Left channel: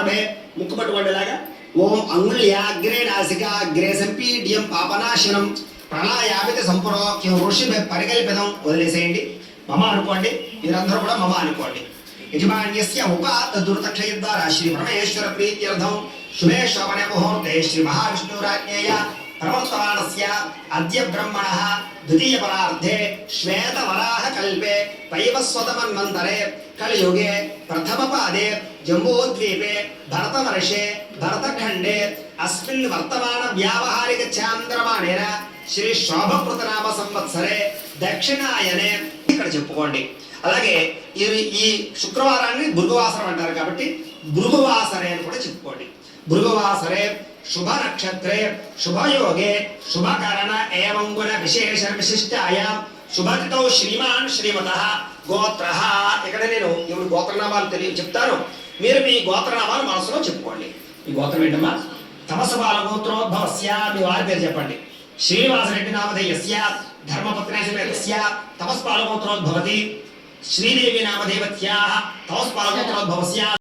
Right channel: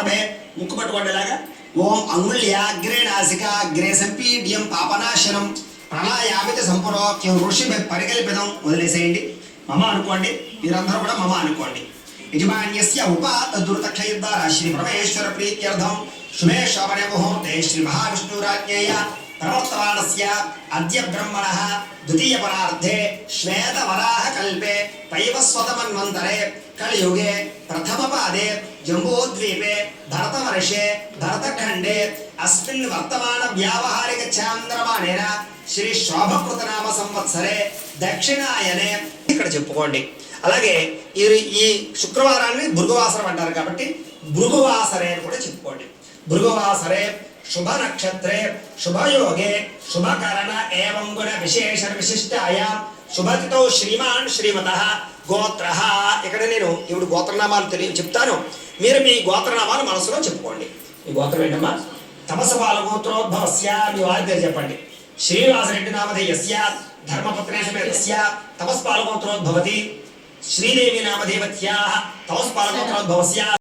ఆరంభే ముక్కు పట్టుకోండిలాగా ఓం అంగుళ్యాగ్రే నాసికాగ్రే సంపీడ్యం పాపనాశనం ప్రణాయామితి సంపురోక్యం ఋషిభి పరికల్పితం వదిలేసేయండి. మమ అనుకోండి, మీరందరూ కూడా మమ అనుకోండి. యజమాన్యస్య ఉపాత దుర్తక్షయద్వారా శ్రీ పరమేశ్వర ప్రీత్యర్థం శుభే శోభనే ముహూర్తే శ్రీ మహావిష్ణురాజ్ఞేయ ప్రవర్తమానస్య అద్య బ్రహ్మణః ద్వితీయ పరార్థే శ్వేత వరాహ కల్పే వైవస్వతమన్వంతరే కలియుగే ప్రథమ పాదే జంబూద్వీపే భరతవర్షే భరతఖండే అస్మిన్ వర్తమాన వ్యావహారిక చాంద్రమాణేన శ్రీ శోభకృతనామ సంవత్సరే దక్షిణాయనే ఇక్కడ చెప్పుకోండి. అలాగే ఈ శుక్రవారాన్ని భృగువాసరం అంటారు కాబట్టి భృగువాసరే అని కూడా చెప్పుకోండి. భృగువాసరే శుభ నక్షత్రే శుభయోగే శుభకరణ ఏవం గుణ విశేష విశిష్టాయాం శుభతిథౌ శ్రీమాన్ శ్రీమతః గోత్రః. ఇక్కడ నేను ఇప్పుడు గోత్రనామాలు చెప్తాను, మీరు మీ గోత్రనామాలు మనసులో చెప్పుకోండి. మీ గోత్రం ఏంటమ్మా? తమసపాల గోత్రోద్భవస్య, మీ వారి పేరు చెప్పండి. శ్రీనివాసరెడ్డి నామధేయస్య ధర్మపత్రేశ తమస్పాల గోత్రోద్భవతి. శ్రీదేవి నామధేవత్యాః తమస్పాల గోత్రోద్భవస్య